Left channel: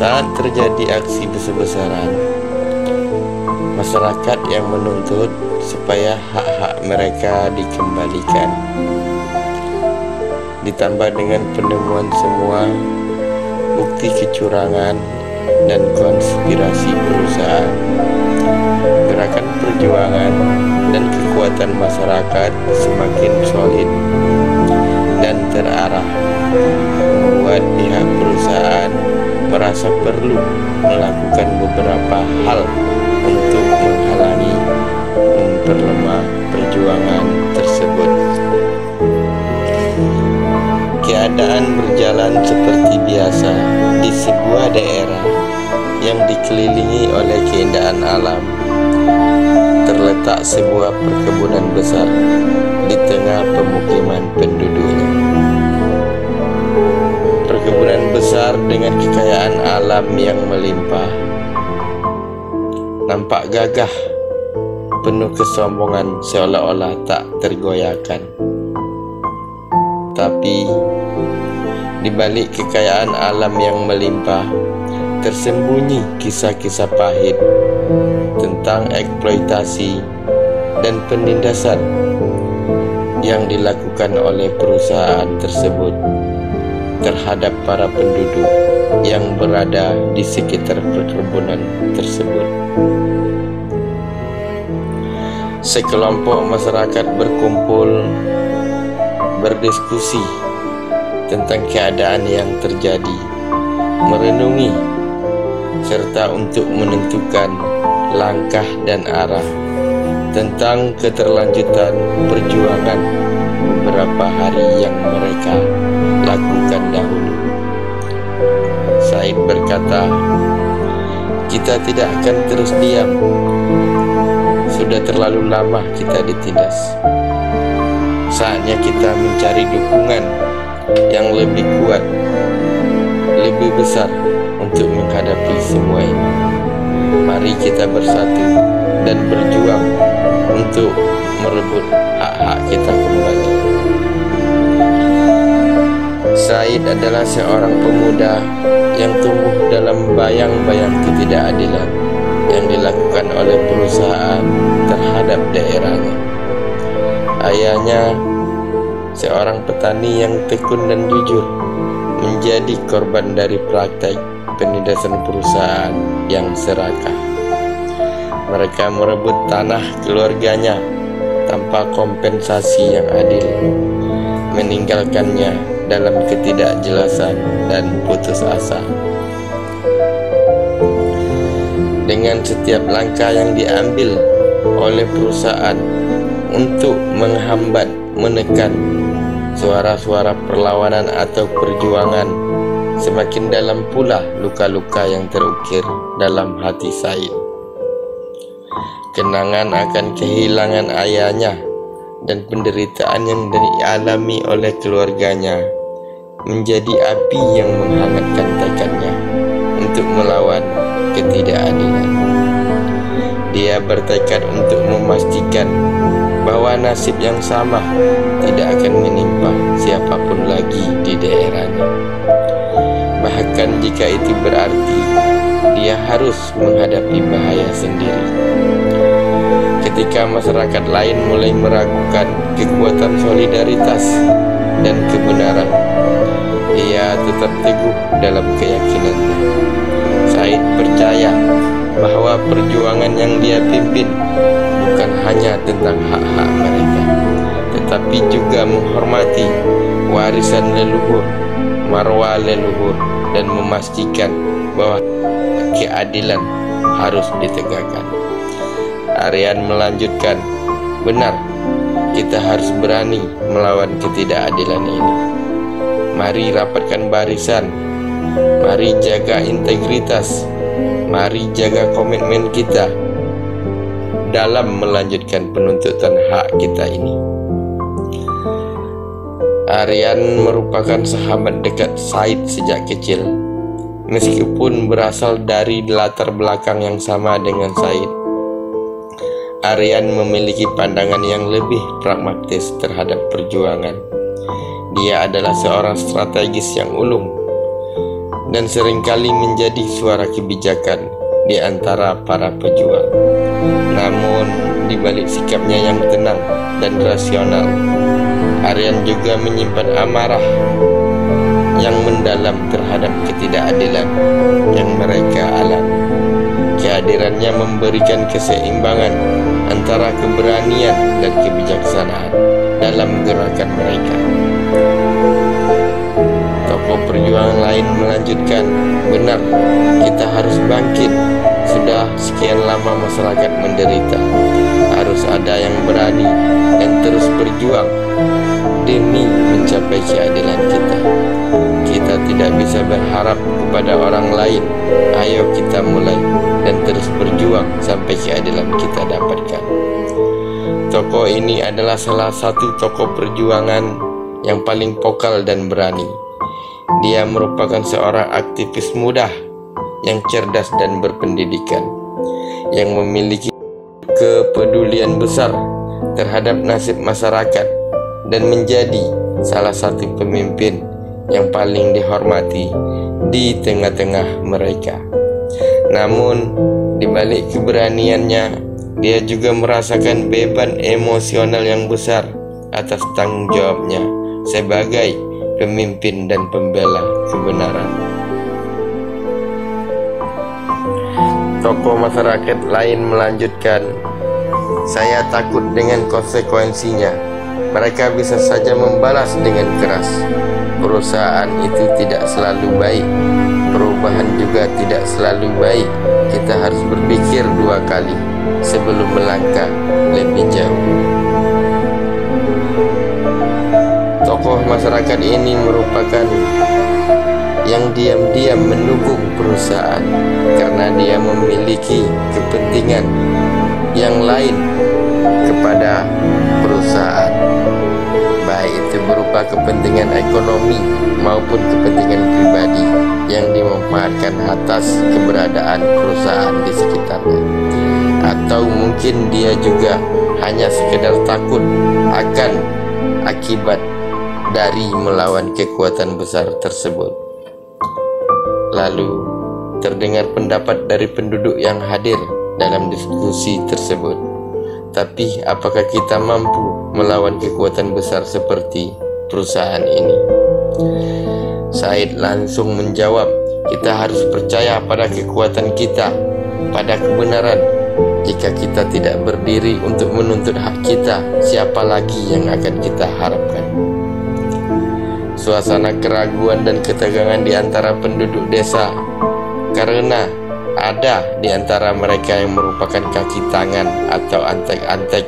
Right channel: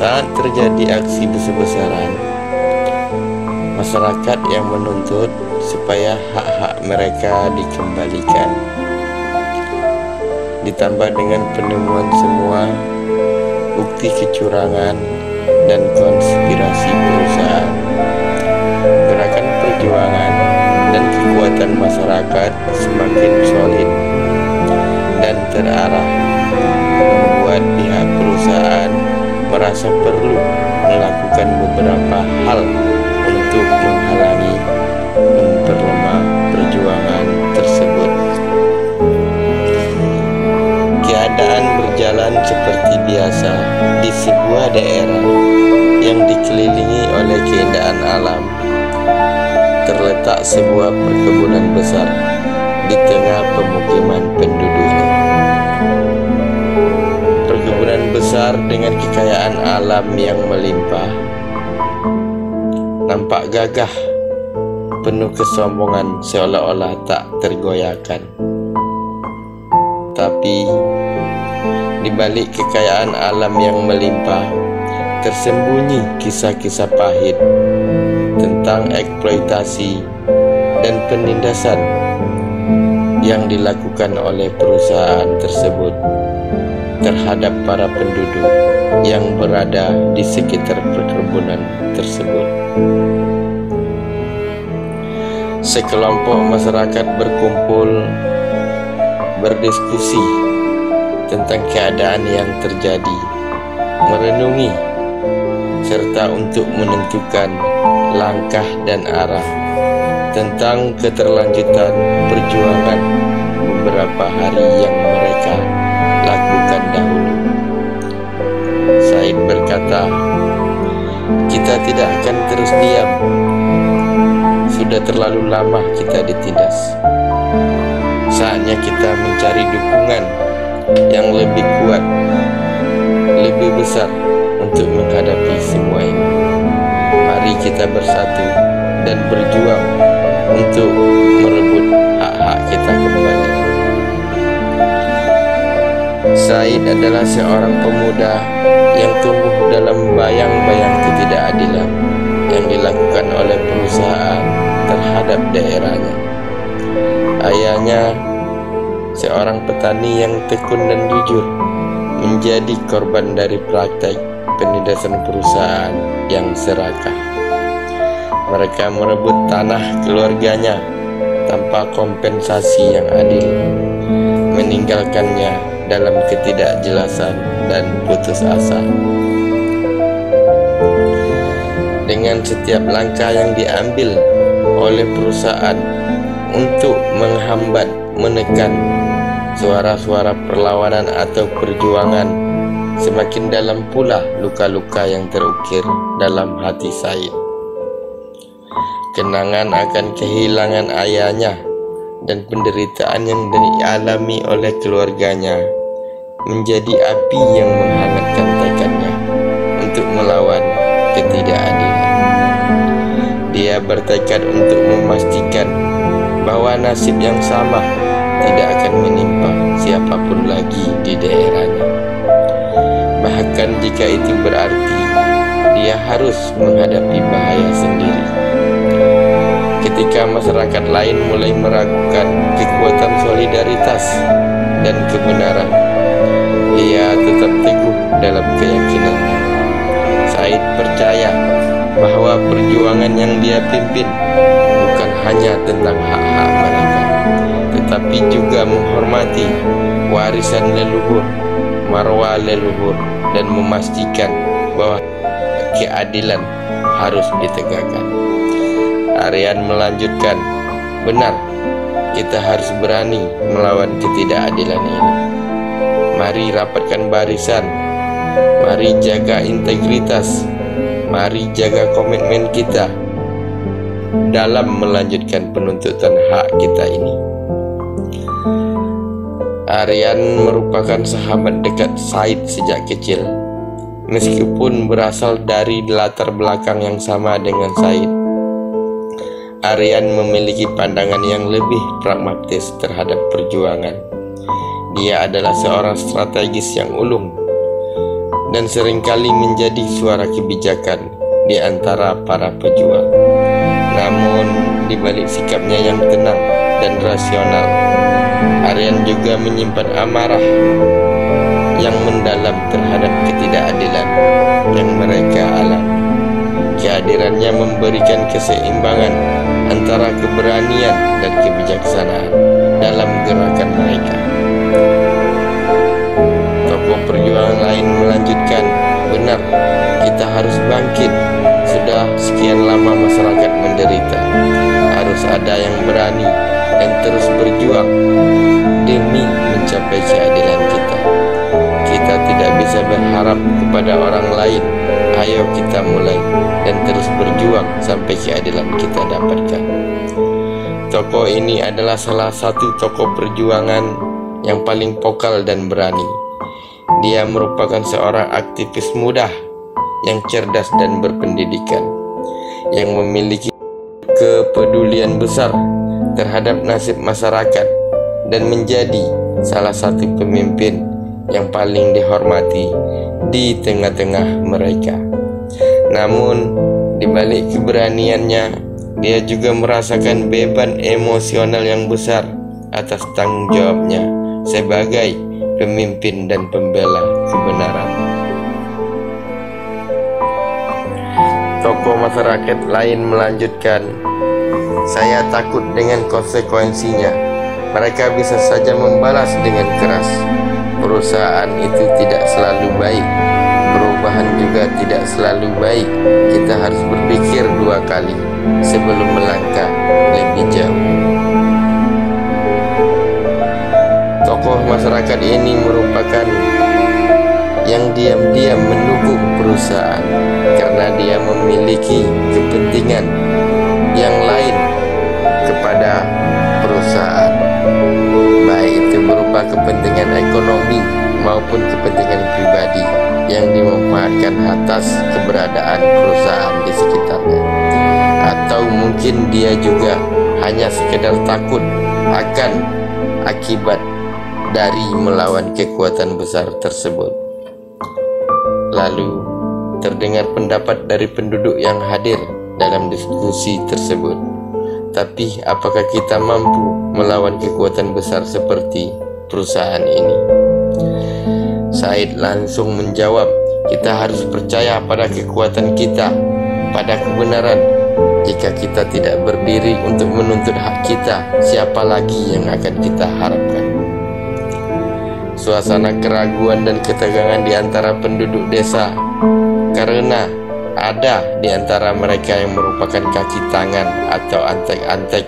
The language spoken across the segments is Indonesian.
Saat terjadi aksi besar-besaran, masyarakat yang menuntut supaya hak-hak mereka dikembalikan, ditambah dengan penemuan semua bukti kecurangan dan konspirasi perusahaan, gerakan perjuangan dan kekuatan masyarakat semakin solid dan terarah, membuat pihak perusahaan merasa perlu melakukan beberapa hal untuk menghalangi memperlemah perjuangan tersebut. Keadaan berjalan seperti biasa di sebuah daerah yang dikelilingi oleh keindahan alam. Terletak sebuah perkebunan besar di tengah pemukiman penduduknya. Perkebunan besar dengan kekayaan alam yang melimpah, nampak gagah, penuh kesombongan seolah-olah tak tergoyahkan. Tapi di balik kekayaan alam yang melimpah, tersembunyi kisah-kisah pahit tentang eksploitasi dan penindasan yang dilakukan oleh perusahaan tersebut terhadap para penduduk yang berada di sekitar perkebunan tersebut. Sekelompok masyarakat berkumpul berdiskusi tentang keadaan yang terjadi, merenungi serta untuk menentukan langkah dan arah tentang keterlanjutan perjuangan beberapa hari yang mereka lakukan dahulu. Said berkata, "Kita tidak akan terus diam. Sudah terlalu lama kita ditindas. Saatnya kita mencari dukungan yang lebih kuat, lebih besar untuk menghadapi semua ini. Mari kita bersatu dan berjuang untuk merebut hak-hak kita kembali." Said adalah seorang pemuda yang tumbuh dalam bayang-bayang ketidakadilan yang dilakukan oleh perusahaan terhadap daerahnya. Ayahnya, seorang petani yang tekun dan jujur, menjadi korban dari praktek penindasan perusahaan yang serakah. Mereka merebut tanah keluarganya tanpa kompensasi yang adil, meninggalkannya dalam ketidakjelasan dan putus asa. Dengan setiap langkah yang diambil oleh perusahaan untuk menghambat, menekan suara-suara perlawanan atau perjuangan, semakin dalam pula luka-luka yang terukir dalam hati Said. Kenangan akan kehilangan ayahnya dan penderitaan yang dialami oleh keluarganya menjadi api yang menghangatkan tekadnya untuk melawan ketidakadilan. Dia bertekad untuk memastikan bahwa nasib yang sama tidak akan menimpa siapapun lagi di daerahnya. Bahkan jika itu berarti dia harus menghadapi bahaya sendiri. Ketika masyarakat lain mulai meragukan kekuatan solidaritas dan kebenaran, ia tetap teguh dalam keyakinannya. Said percaya bahwa perjuangan yang dia pimpin bukan hanya tentang hak-hak mereka, tetapi juga menghormati warisan leluhur, marwah leluhur, dan memastikan bahwa keadilan harus ditegakkan. Aryan melanjutkan, "Benar, kita harus berani melawan ketidakadilan ini. Mari rapatkan barisan, mari jaga integritas, mari jaga komitmen kita dalam melanjutkan penuntutan hak kita ini." Aryan merupakan sahabat dekat Said sejak kecil. Meskipun berasal dari latar belakang yang sama dengan Said, Aryan memiliki pandangan yang lebih pragmatis terhadap perjuangan. Dia adalah seorang strategis yang ulung. dan seringkali menjadi suara kebijakan di antara para pejuang. Namun, di balik sikapnya yang tenang dan rasional, Aryan juga menyimpan amarah yang mendalam terhadap ketidakadilan yang mereka alami. Kehadirannya memberikan keseimbangan antara keberanian dan kebijaksanaan dalam gerakan mereka. Tokoh perjuangan lain melanjutkan, benar, kita harus bangkit. Sudah sekian lama masyarakat menderita. Harus ada yang berani dan terus berjuang demi mencapai keadilan kita. Kita tidak bisa berharap kepada orang lain. Ayo kita mulai dan terus berjuang sampai keadilan kita dapatkan. Tokoh ini adalah salah satu tokoh perjuangan yang paling vokal dan berani. Dia merupakan seorang aktivis muda yang cerdas dan berpendidikan, yang memiliki kepedulian besar terhadap nasib masyarakat dan menjadi salah satu pemimpin yang paling dihormati di tengah-tengah mereka. Namun, di balik keberaniannya, dia juga merasakan beban emosional yang besar atas tanggung jawabnya sebagai pemimpin dan pembela kebenaran. Tokoh masyarakat lain melanjutkan, saya takut dengan konsekuensinya. Mereka bisa saja membalas dengan keras. Perusahaan itu tidak selalu baik. Perubahan juga tidak selalu baik. Kita harus berpikir dua kali sebelum melangkah lebih jauh. Tokoh masyarakat ini merupakan yang diam-diam mendukung perusahaan karena dia memiliki kepentingan yang lain kepada perusahaan, baik itu berupa kepentingan ekonomi maupun kepentingan pribadi yang dimanfaatkan atas keberadaan perusahaan di sekitarnya. Atau mungkin dia juga hanya sekedar takut akan akibat dari melawan kekuatan besar tersebut. Lalu terdengar pendapat dari penduduk yang hadir dalam diskusi tersebut. Tapi apakah kita mampu melawan kekuatan besar seperti perusahaan ini? Said langsung menjawab, kita harus percaya pada kekuatan kita, pada kebenaran. Jika kita tidak berdiri untuk menuntut hak kita, siapa lagi yang akan kita harapkan? Suasana keraguan dan ketegangan di antara penduduk desa karena ada di antara mereka yang merupakan kaki tangan atau antek-antek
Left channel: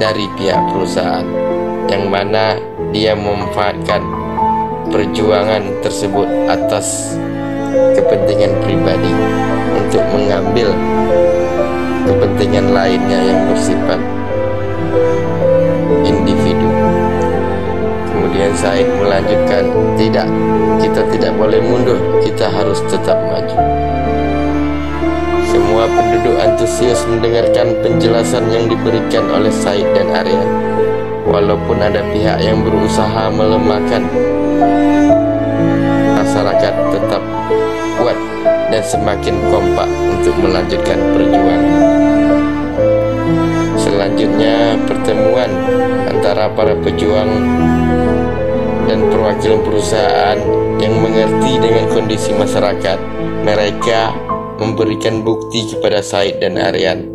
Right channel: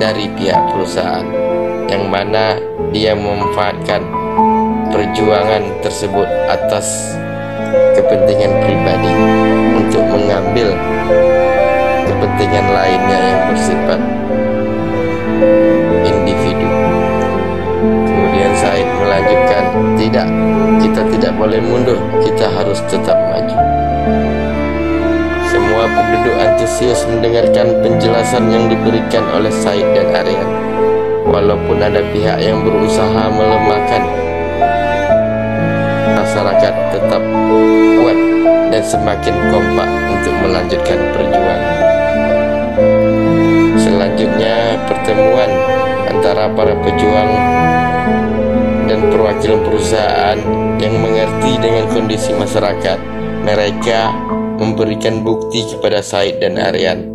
dari pihak perusahaan, yang mana dia memanfaatkan perjuangan tersebut atas kepentingan pribadi untuk mengambil kepentingan lainnya yang bersifat individu. Kemudian Said melanjutkan, tidak, kita tidak boleh mundur, kita harus tetap maju. Semua penduduk antusias mendengarkan penjelasan yang diberikan oleh Said dan Aryan. Walaupun ada pihak yang berusaha melemahkan, masyarakat tetap kuat dan semakin kompak untuk melanjutkan perjuangan. Selanjutnya, pertemuan antara para pejuang dan perwakilan perusahaan yang mengerti dengan kondisi masyarakat. Mereka memberikan bukti kepada Said dan Aryan.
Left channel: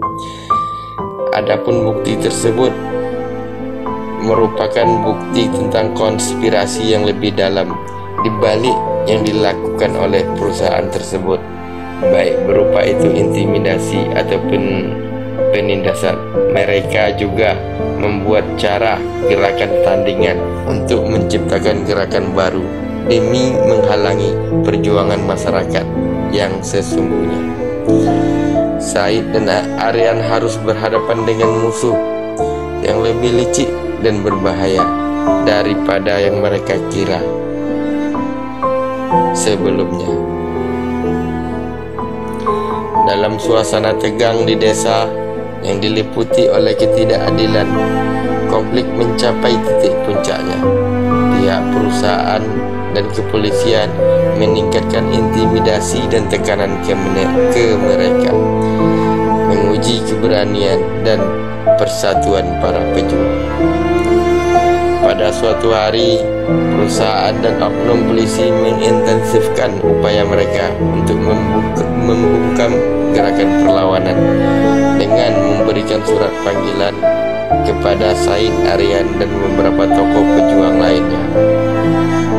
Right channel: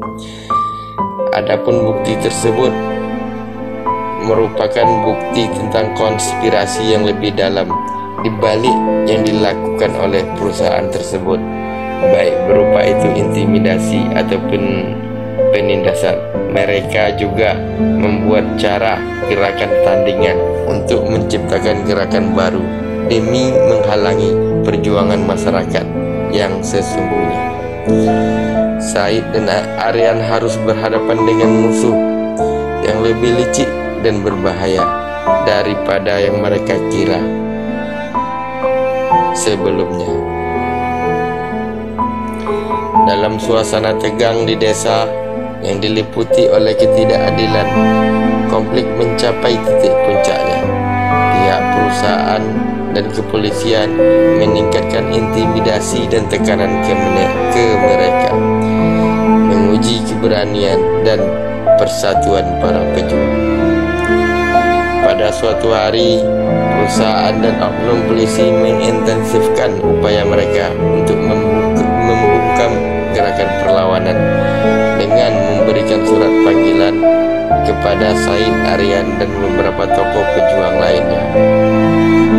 Adapun bukti tersebut merupakan bukti tentang konspirasi yang lebih dalam di balik yang dilakukan oleh perusahaan tersebut, baik berupa itu intimidasi ataupun penindasan. Mereka juga membuat cara gerakan tandingan untuk menciptakan gerakan baru demi menghalangi perjuangan masyarakat yang sesungguhnya. Said dan Aryan harus berhadapan dengan musuh yang lebih licik dan berbahaya daripada yang mereka kira sebelumnya. Dalam suasana tegang di desa yang diliputi oleh ketidakadilan, konflik mencapai titik puncaknya. Di pihak perusahaan dan kepolisian meningkatkan intimidasi dan tekanan ke mereka, menguji keberanian dan persatuan para pejuang. Pada suatu hari, perusahaan dan oknum polisi mengintensifkan upaya mereka untuk membungkam gerakan perlawanan dengan memberikan surat panggilan kepada Said, Aryan, dan beberapa tokoh pejuang lainnya,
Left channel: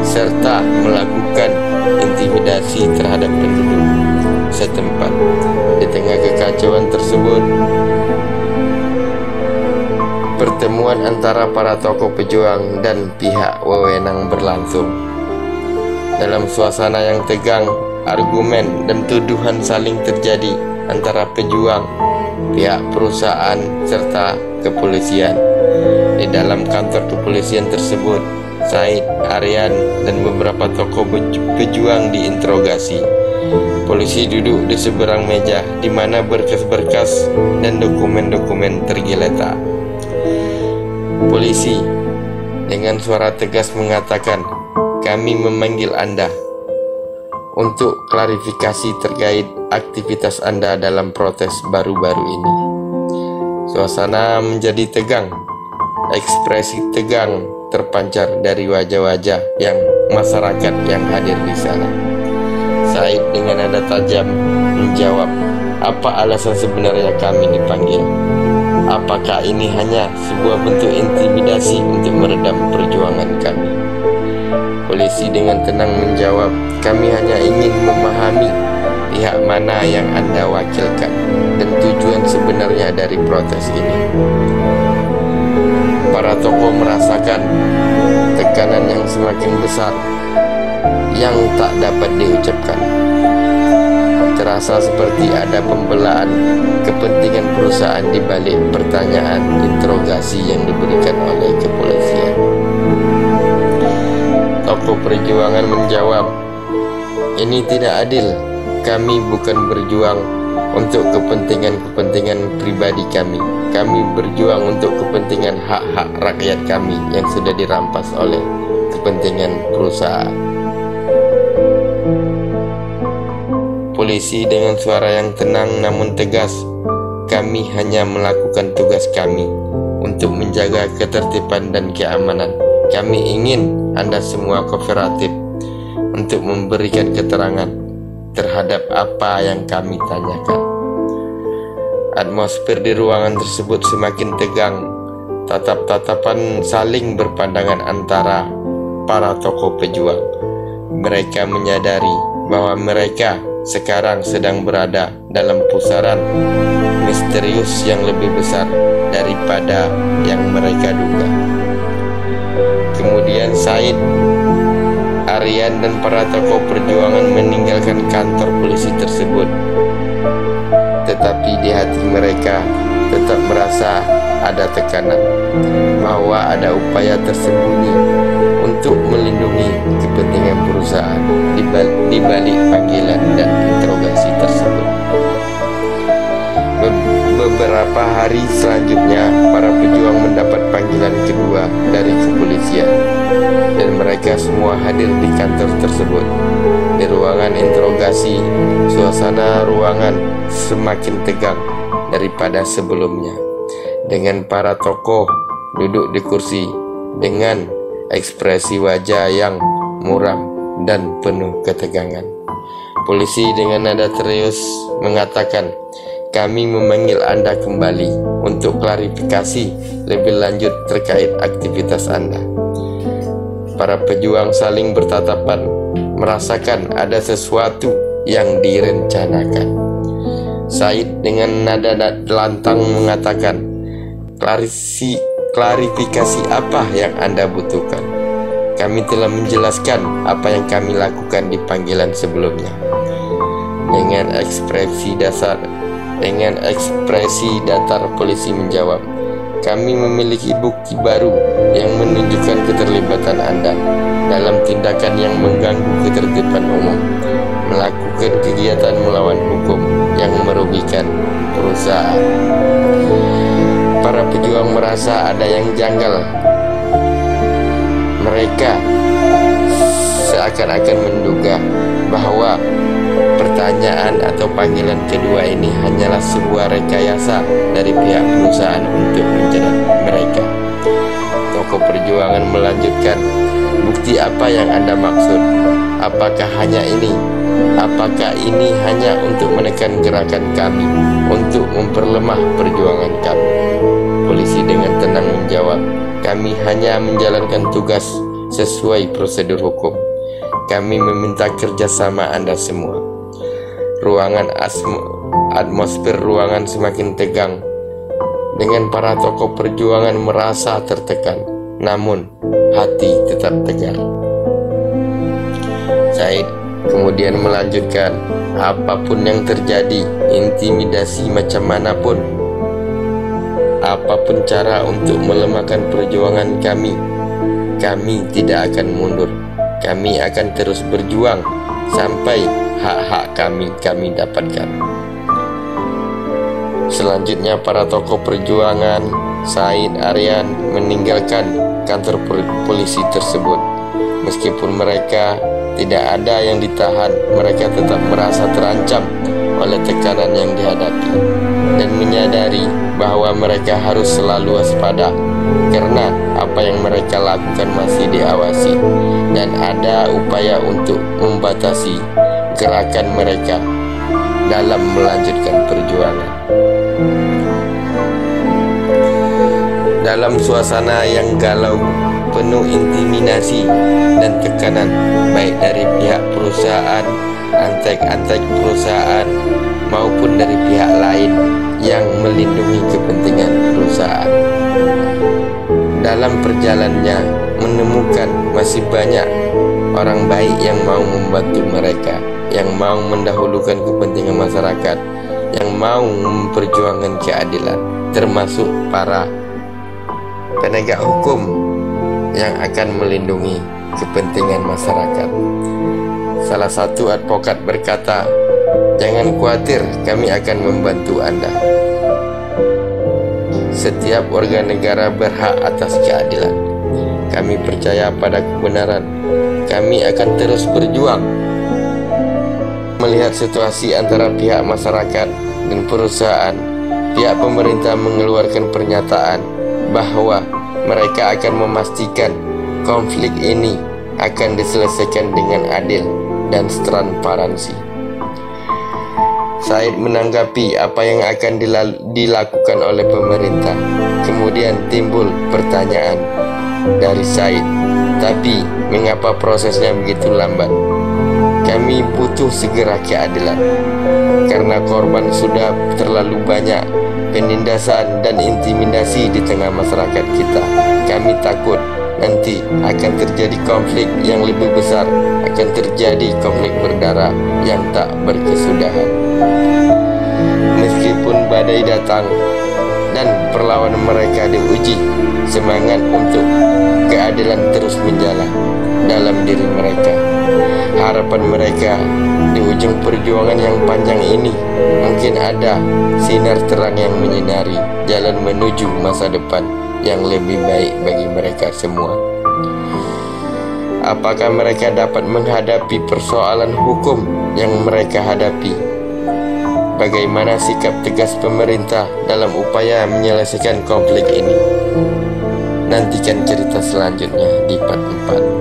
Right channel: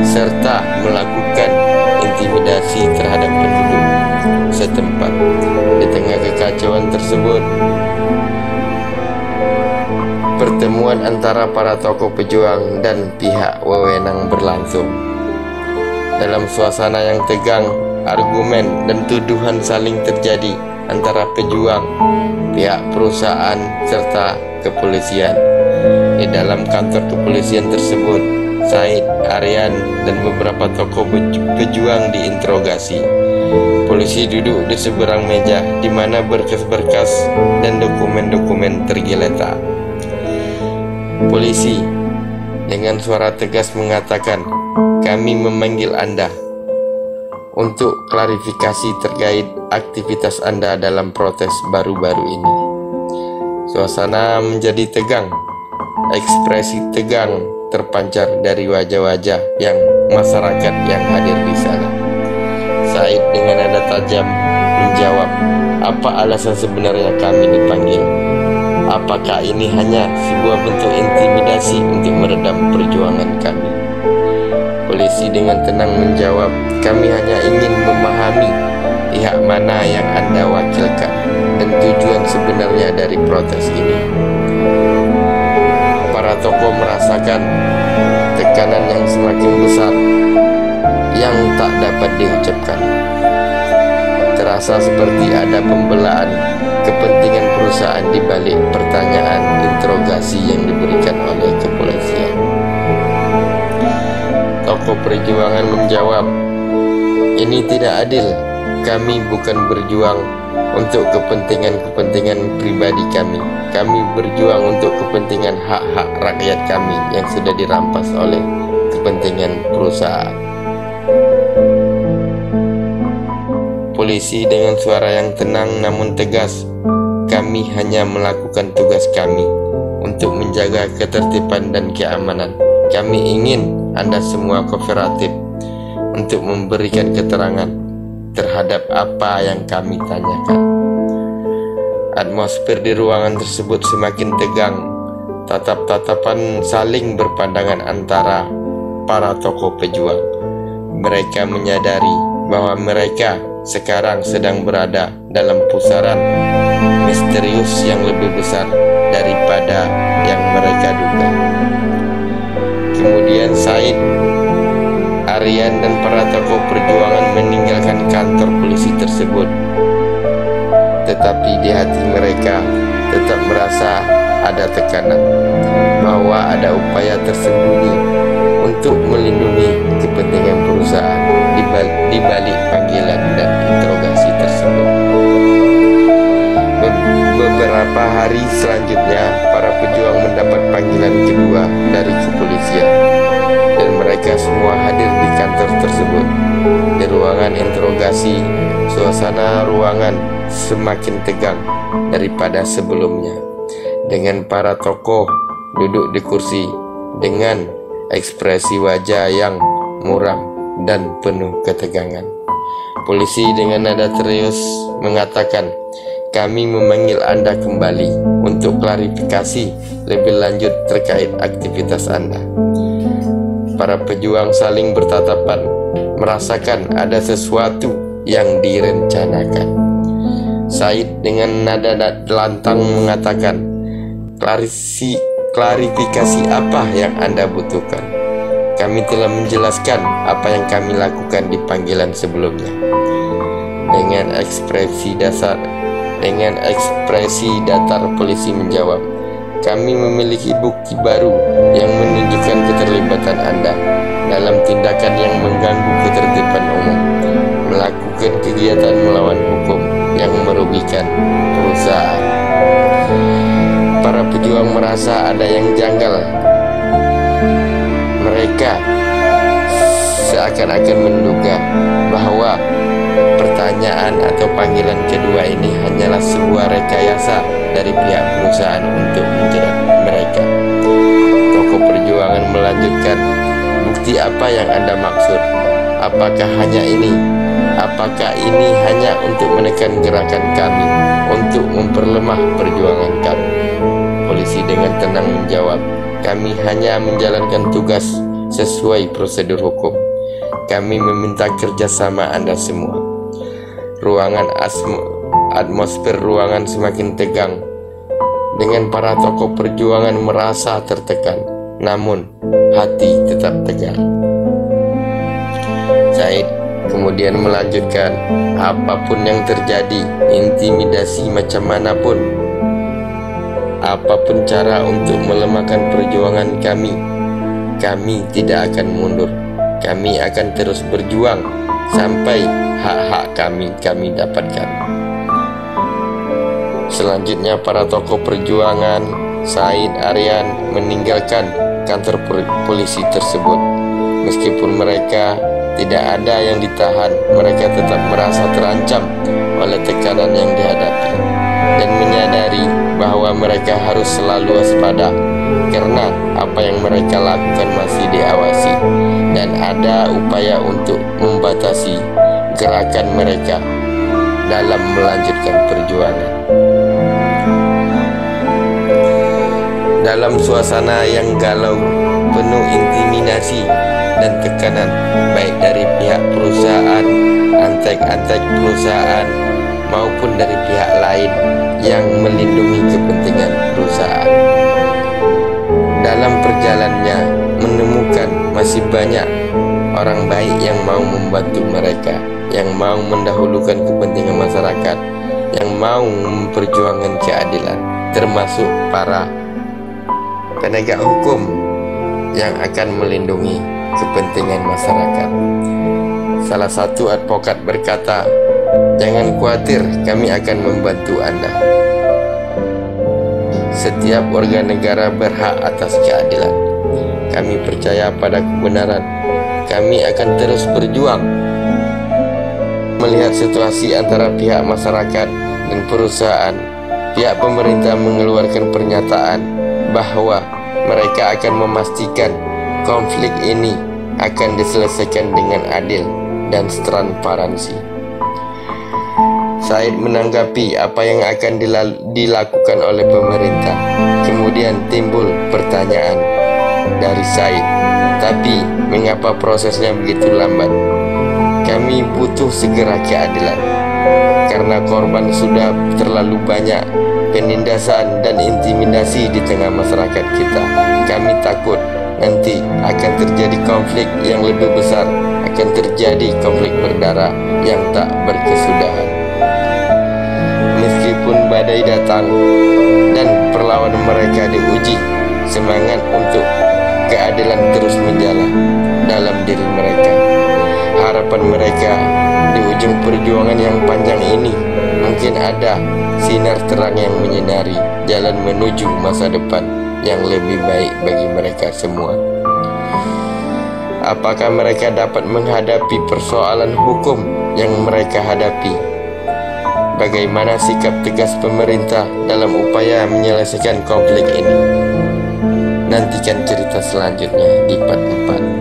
serta melakukan intimidasi terhadap penduduk setempat. Di tengah kekacauan tersebut, pertemuan antara para tokoh pejuang dan pihak wewenang berlangsung. Dalam suasana yang tegang, argumen dan tuduhan saling terjadi antara pejuang, pihak perusahaan, serta kepolisian. Di dalam kantor kepolisian tersebut, Said, Aryan, dan beberapa tokoh pejuang diinterogasi. Polisi duduk di seberang meja di mana berkas-berkas dan dokumen-dokumen tergeletak. Polisi dengan suara tegas mengatakan, "Kami memanggil Anda untuk klarifikasi terkait aktivitas Anda dalam protes baru-baru ini." Suasana menjadi tegang. Ekspresi tegang terpancar dari wajah-wajah yang masyarakat yang hadir di sana. Said dengan nada tajam menjawab, "Apa alasan sebenarnya kami dipanggil? Apakah ini hanya sebuah bentuk intimidasi untuk meredam perjuangan kami?" Polisi dengan tenang menjawab, "Kami hanya ingin memahami pihak mana yang Anda wakilkan dan tujuan sebenarnya dari protes ini." Para tokoh merasakan tekanan yang semakin besar yang tak dapat diucapkan. Terasa seperti ada pembelaan kepentingan perusahaan di balik pertanyaan interogasi yang diberikan oleh kepolisian. Tokoh perjuangan menjawab, "Ini tidak adil. Kami bukan berjuang untuk kepentingan-kepentingan pribadi kami. Kami berjuang untuk kepentingan hak-hak rakyat kami yang sudah dirampas oleh kepentingan perusahaan." Polisi dengan suara yang tenang namun tegas, "Kami hanya melakukan tugas kami untuk menjaga ketertiban dan keamanan. Kami ingin Anda semua kooperatif untuk memberikan keterangan terhadap apa yang kami tanyakan." Atmosfer di ruangan tersebut semakin tegang. Tatap-tatapan saling berpandangan antara para tokoh pejuang. Mereka menyadari bahwa mereka sekarang sedang berada dalam pusaran misterius yang lebih besar daripada yang mereka duga. Kemudian Said, Aryan, dan para tokoh perjuangan meninggalkan kantor polisi tersebut. Tetapi di hati mereka tetap merasa ada tekanan, bahwa ada upaya tersembunyi untuk melindungi kepentingan perusahaan di balik panggilan dan interogasi tersebut. Beberapa hari selanjutnya, para pejuang mendapat panggilan kedua dari kepolisian, dan mereka semua hadir di kantor tersebut. Di ruangan interogasi, suasana ruangan semakin tegang daripada sebelumnya, dengan para tokoh duduk di kursi dengan ekspresi wajah yang muram dan penuh ketegangan. Polisi dengan nada serius mengatakan, "Kami memanggil Anda kembali untuk klarifikasi lebih lanjut terkait aktivitas Anda." Para pejuang saling bertatapan, merasakan ada sesuatu yang direncanakan. Said dengan nada lantang mengatakan, klarifikasi apa yang Anda butuhkan? Kami telah menjelaskan apa yang kami lakukan di panggilan sebelumnya." Dengan ekspresi datar polisi menjawab, "Kami memiliki bukti baru yang menunjukkan keterlibatan Anda dalam tindakan yang mengganggu ketertiban umum, melakukan kegiatan melawan hukum yang merugikan perusahaan." Para pejuang merasa ada yang janggal. Mereka seakan-akan menduga bahwa pertanyaan atau panggilan kedua ini hanyalah sebuah rekayasa dari pihak perusahaan untuk menjerat mereka. Tokoh perjuangan melanjutkan, "Bukti apa yang Anda maksud? Apakah hanya ini? Apakah ini hanya untuk menekan gerakan kami, untuk memperlemah perjuangan kami?" Polisi dengan tenang menjawab, "Kami hanya menjalankan tugas sesuai prosedur hukum. Kami meminta kerjasama Anda semua." Atmosfer ruangan semakin tegang, dengan para tokoh perjuangan merasa tertekan, namun hati tetap tegar. Said kemudian melanjutkan, "Apapun yang terjadi, intimidasi macam manapun, apapun cara untuk melemahkan perjuangan kami tidak akan mundur. Kami akan terus berjuang sampai hak-hak kami dapatkan." Selanjutnya para tokoh perjuangan, Said, Aryan, meninggalkan kantor polisi tersebut. Meskipun mereka tidak ada yang ditahan, mereka tetap merasa terancam oleh tekanan yang dihadapi dan menyadari bahwa mereka harus selalu waspada karena apa yang mereka lakukan masih diawasi dan ada upaya untuk membatasi gerakan mereka dalam melanjutkan perjuangan. Dalam suasana yang galau, penuh intimidasi dan tekanan baik dari pihak perusahaan, antek-antek perusahaan maupun dari pihak lain yang melindungi kepentingan perusahaan. Dalam perjalanannya menemukan masih banyak orang baik yang mau membantu mereka, yang mau mendahulukan kepentingan masyarakat, yang mau memperjuangkan keadilan, termasuk para penegak hukum yang akan melindungi kepentingan masyarakat. Salah satu advokat berkata, "Jangan khawatir, kami akan membantu Anda. Setiap warga negara berhak atas keadilan. Kami percaya pada kebenaran. Kami akan terus berjuang." Melihat situasi antara pihak masyarakat dan perusahaan, pihak pemerintah mengeluarkan pernyataan bahwa mereka akan memastikan konflik ini akan diselesaikan dengan adil dan transparansi. Said menanggapi apa yang akan dilakukan oleh pemerintah. Kemudian timbul pertanyaan dari Said, "Tapi mengapa prosesnya begitu lambat? Kami butuh segera keadilan karena korban sudah terlalu banyak, penindasan dan intimidasi di tengah masyarakat kita. Kami takut nanti akan terjadi konflik yang lebih besar, akan terjadi konflik berdarah yang tak berkesudahan." Meskipun badai datang dan perlawanan mereka diuji, semangat untuk keadilan terus menjalar dalam diri mereka. Harapan mereka di ujung perjuangan yang panjang ini mungkin ada sinar terang yang menyinari jalan menuju masa depan yang lebih baik bagi mereka semua. Apakah mereka dapat menghadapi persoalan hukum yang mereka hadapi? Bagaimana sikap tegas pemerintah dalam upaya menyelesaikan konflik ini? Nantikan cerita selanjutnya di part 4.